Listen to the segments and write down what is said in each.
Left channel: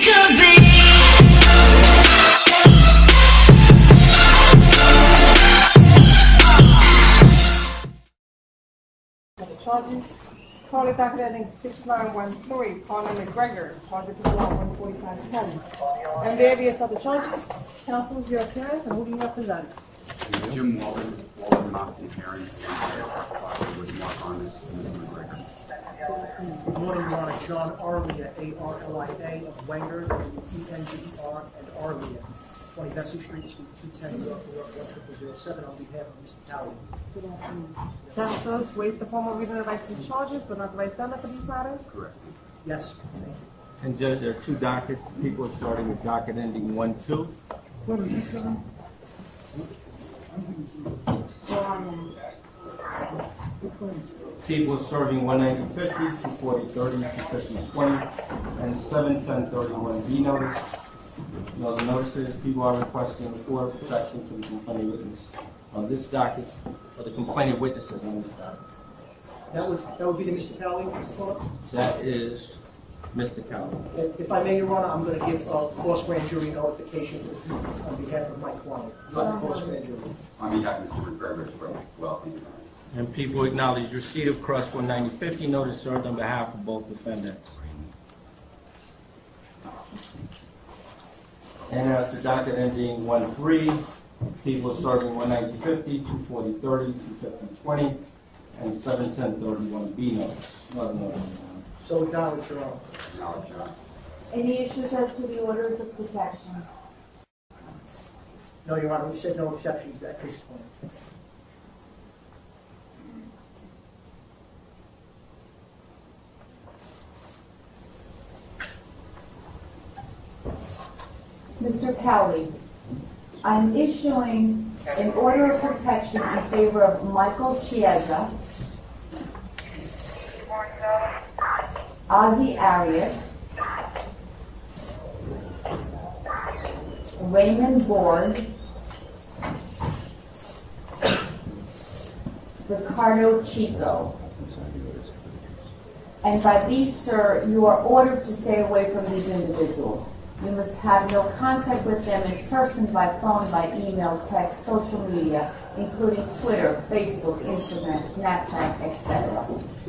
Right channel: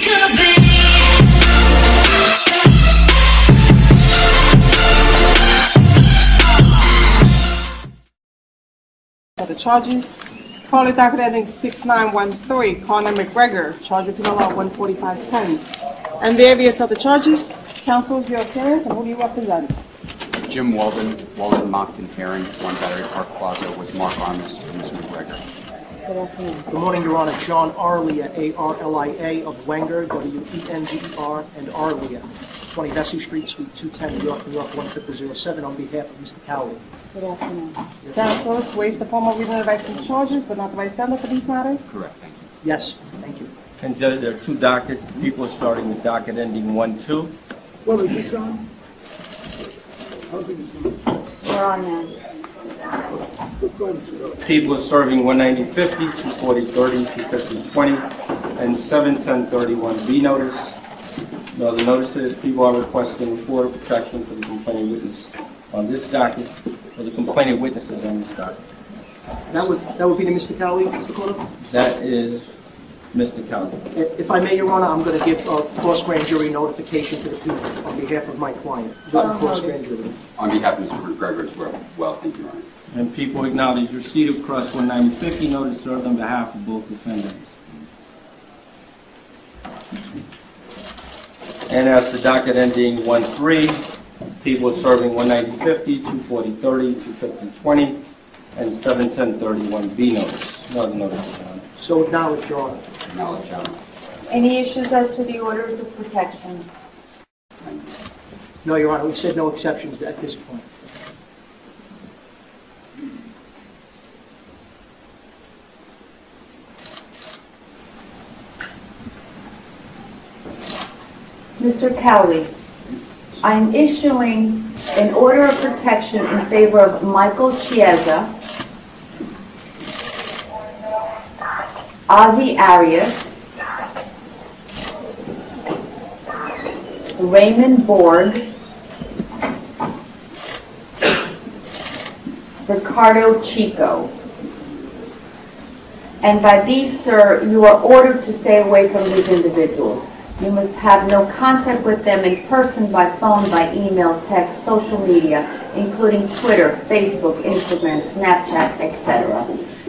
could be. The charges, calling docket ending 6913, Conor McGregor, charged with penal law 14510. And various other charges. Counsel, your appearance, and who do you represent? Jim Walden, Moncton, Heron, 1 Battery Park Plaza with Mark Armis for Mr. McGregor. Good afternoon. Good morning, Your Honor. John Arlia, A-R-L-I-A, of Wenger, W-E-N-G-E-R, and Arlia, 20 Vesey Street, Suite 210, New York, New York, 10007, on behalf of Mr. Cowley. Good afternoon. Counsel, waive the formal reading of the rights and charges, but not the vice standard for these matters? Correct, thank you. Yes, thank you. And Judge, there are 2 dockets. People are starting the docket ending 1-2. What is this on? I don't think it's on. We're on now. People are serving 190-50, 240-30, 250-20, and 710-31B notice. No, the notices, people are requesting for protection for the complaining witness on this docket, or the complaining witnesses on this docket. That would be to Mr. Cowley, Mr. Connor? That is Mr. Cowley. If I may, Your Honor, I'm going to give a cross-grand jury notification to the people on behalf of my client. Cross-grand jury. On behalf of Mr. McGregor as well, thank you, Your Honor. And people acknowledge receipt of cross 190-50 notice served on behalf of both defendants. And as the docket ending 1-3, people serving 190-50, 240-30, 250-20, and 710-31B notice. No notice, Your Honor. So acknowledge, Your Honor. Acknowledge, Your Honor. Any issues as to the orders of protection? Thank you. No, Your Honor, we said no exceptions at this point. Mr. Cowley, I am issuing an order of protection in favor of Michael Chiesa, Ozzie Arias, Raymond Borg, Ricardo Chico. And by these, sir, you are ordered to stay away from these individuals. You must have no contact with them in person, by phone, by email, text, social media, including Twitter, Facebook, Instagram, Snapchat, etc.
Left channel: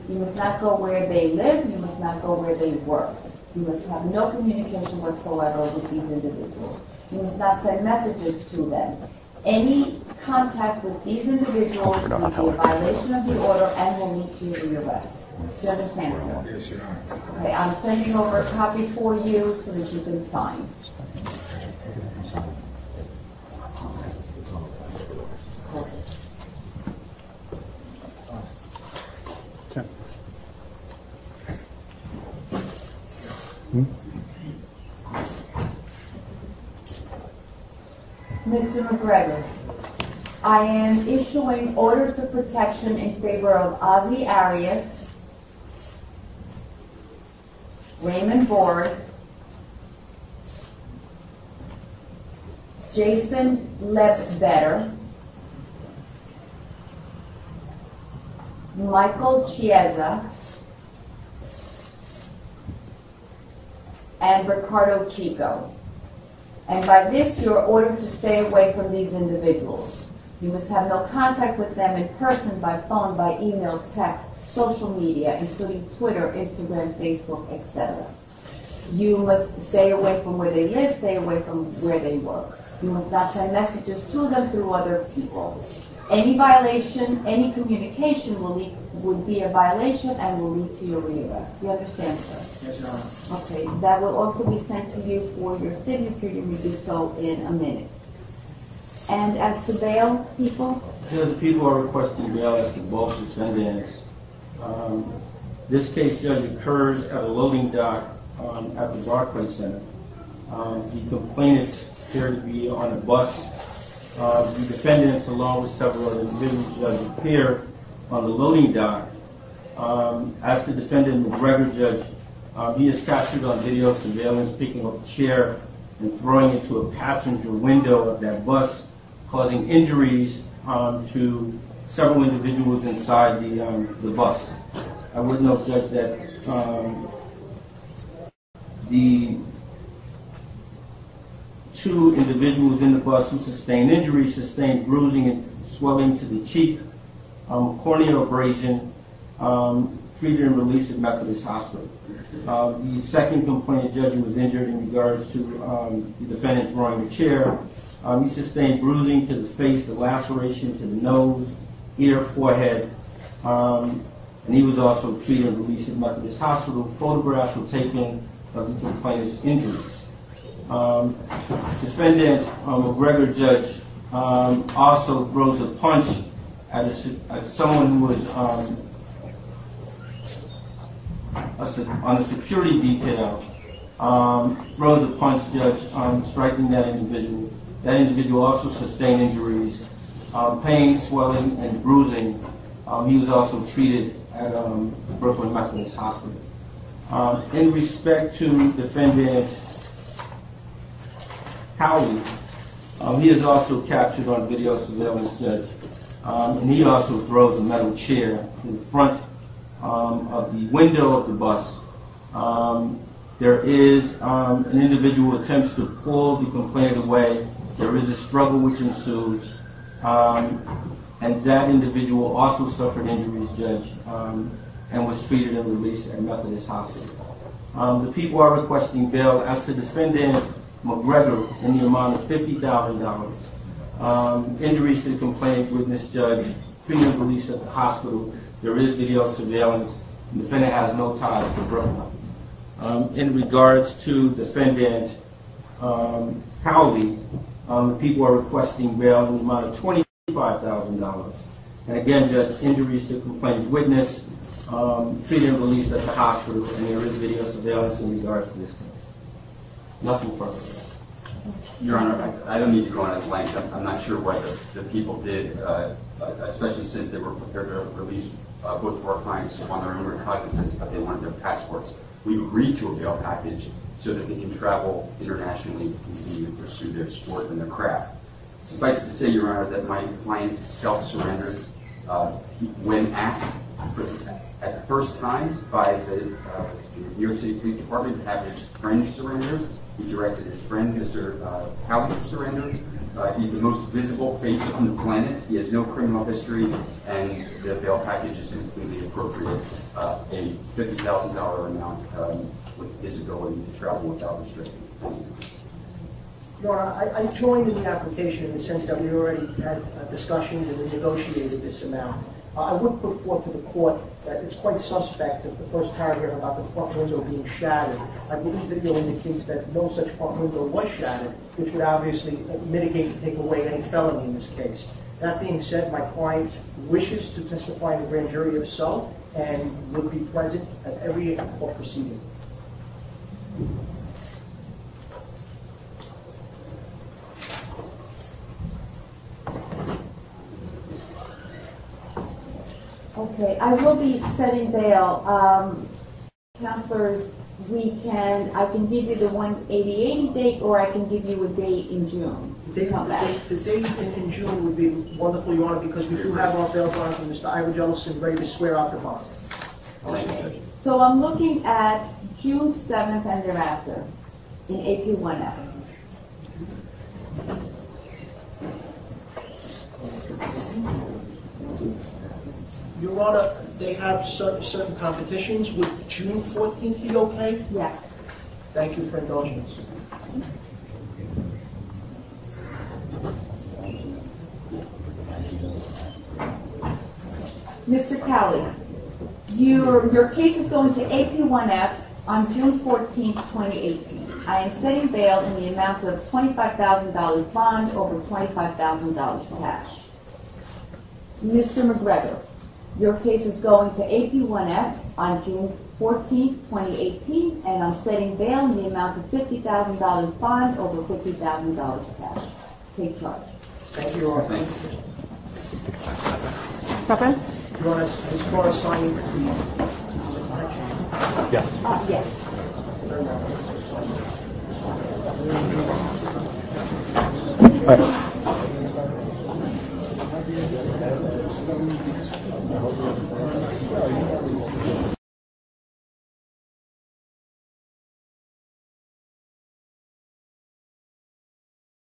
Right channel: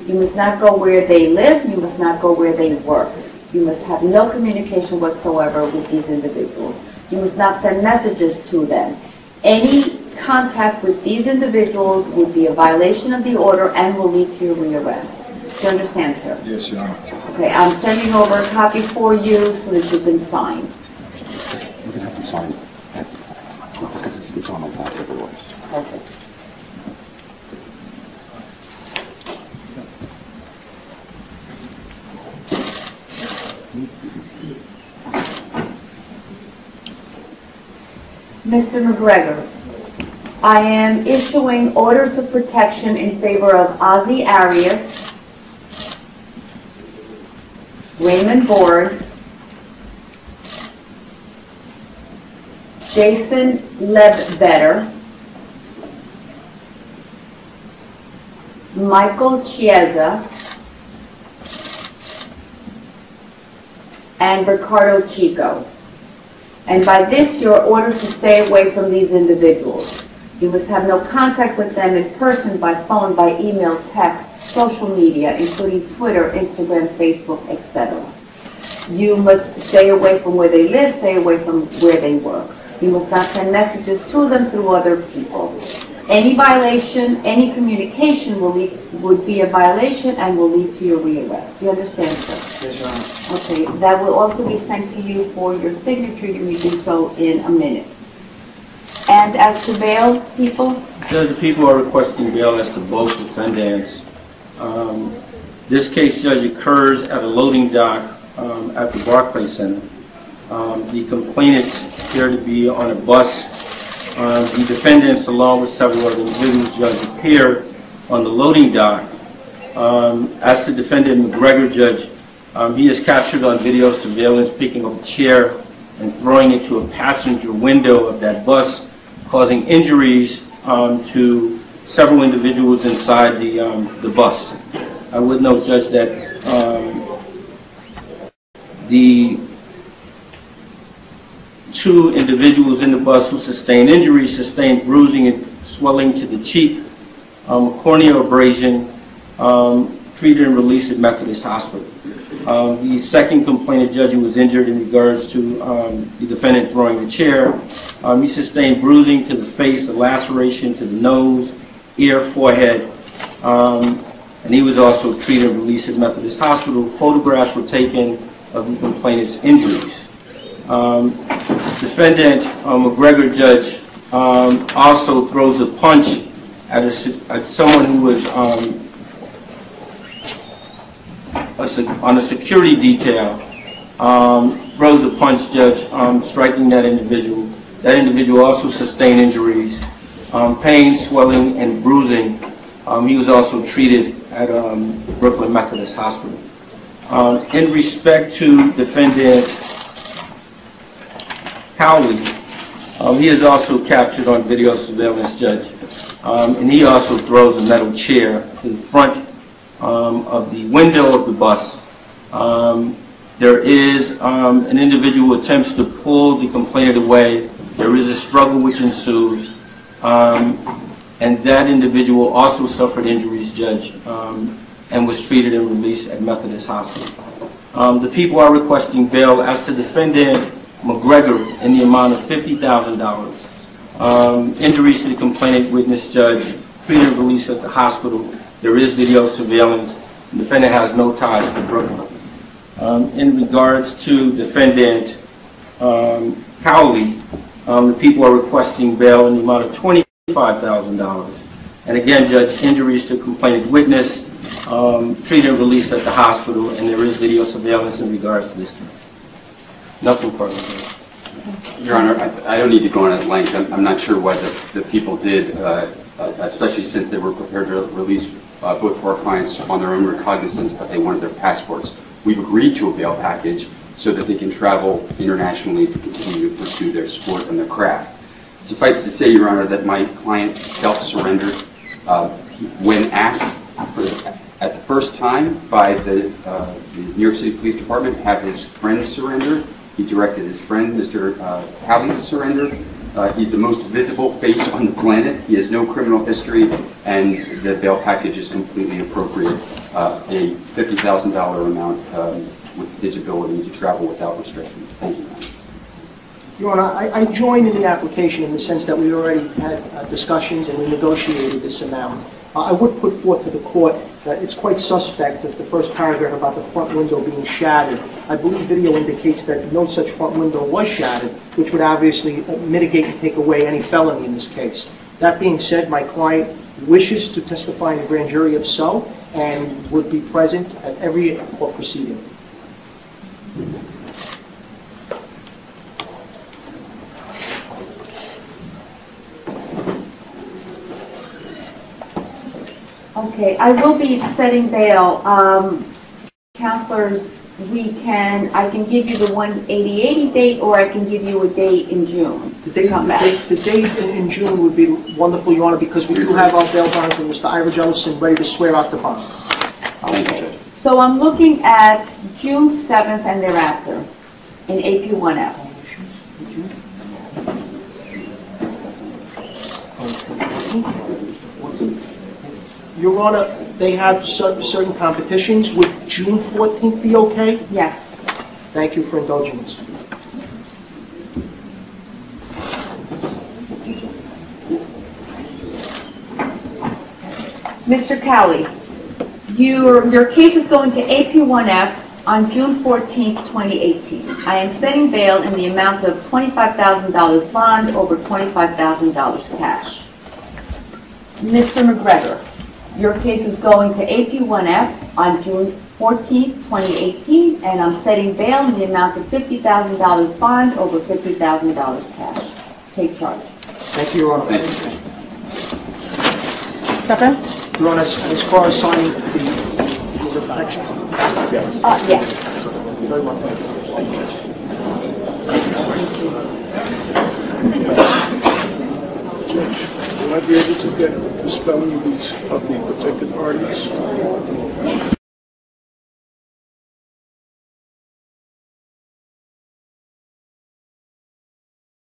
You must not go where they live. You must not go where they work. You must have no communication whatsoever with these individuals. You must not send messages to them. Any contact with these individuals would be a violation of the order and will lead to your rearrest. Do you understand, sir? Yes, Your Honor. Okay, I'm sending over a copy for you so that you can sign. We're going to have to sign that because it's on the last of the orders. Okay. Mr. McGregor, I am issuing orders of protection in favor of Ozzie Arias, Raymond Borg, Jason Ledbetter, Michael Chiesa, and Ricardo Chico. And by this, you're ordered to stay away from these individuals. You must have no contact with them in person, by phone, by email, text, social media, including Twitter, Instagram, Facebook, etc. You must stay away from where they live, stay away from where they work. You must not send messages to them through other people. Any violation, any communication would be a violation and will lead to your rearrest. Do you understand, sir? Yes, Your Honor. Okay, that will also be sent to you for your signature. You may do so in a minute. And as to bail, people? Judge, the people are requesting bail as to both defendants. This case, Judge, occurs at a loading dock at the Barclays Center. The complainants appear to be on a bus. The defendants, along with several other individuals, Judge, appear on the loading dock. As to defendant McGregor, Judge, he is captured on video surveillance picking up a chair and throwing it to a passenger window of that bus, causing injuries to several individuals inside the bus. I would note, Judge, that the 2 individuals in the bus who sustained injuries, sustained bruising and swelling to the cheek, corneal abrasion, treated and released at Methodist Hospital. The second complainant, judge, who was injured in regards to the defendant throwing the chair, he sustained bruising to the face, a laceration to the nose, ear, forehead, and he was also treated and released at Methodist Hospital. Photographs were taken of the complainant's injuries. Defendant McGregor, judge, also throws a punch at someone who was on a security detail, throws a punch, judge, striking that individual. That individual also sustained injuries, pain, swelling, and bruising. He was also treated at Brooklyn Methodist Hospital. In respect to defendant Cowley, he is also captured on video surveillance, judge, and he also throws a metal chair to the front of the window of the bus. There is an individual who attempts to pull the complainant away. There is a struggle which ensues, and that individual also suffered injuries, judge, and was treated and released at Methodist Hospital. The people are requesting bail as to defendant McGregor in the amount of $50,000. Injuries to the complainant, witness, judge, treated and released at the hospital. There is video surveillance. The defendant has no ties to Brooklyn. In regards to defendant Cowley, the people are requesting bail in the amount of $25,000. And again, judge, injuries to complainant, witness, treated and released at the hospital, and there is video surveillance in regards to this case. Nothing further. Your Honor, I don't need to go on at length. I'm not sure what the people did, especially since they were prepared to release both of our clients on their own recognizance, but they wanted their passports. We've agreed to a bail package so that they can travel internationally to continue to pursue their sport and their craft. Suffice to say, Your Honor, that my client self-surrendered when asked at the first time by the New York City Police Department to have his friend surrender. He directed his friend, Mr. Cowley, to surrender. He's the most visible face on the planet. He has no criminal history, and the bail package is completely appropriate. A $50,000 amount with his ability to travel without restrictions. Thank you. Your Honor, I joined in the application in the sense that we already had discussions and we negotiated this amount. I would put forth to the court that it's quite suspect that the first paragraph about the front window being shattered. I believe video indicates that no such front window was shattered, which would obviously mitigate and take away any felony in this case. That being said, my client wishes to testify in a grand jury if so, and would be present at every court proceeding. Okay, I will be setting bail. Counselors, I can give you the 180 date, or I can give you a date in June to come back. The date in June would be wonderful, Your Honor, because we do have our bail bonds and Mr. Ira Jellison ready to swear out the bond. Okay, so I'm looking at June 7th and thereafter in AP1F. Your Honor, they have certain competitions. Would June 14th be okay? Yes. Thank you for indulging us. Mr. Cowley, your case is going to AP1F on June 14th, 2018. I am setting bail in the amount of $25,000 bond over $25,000 cash. Mr. McGregor, your case is going to AP1F on June 14th, 2018, and I'm setting bail in the amount of $50,000 bond over $50,000 cash. Take charge. Thank you, Your Honor. Thank you. Step in. Your Honor, as far as signing the protection. Yes. You're very welcome. Will I be able to get the spelling of the protected parties?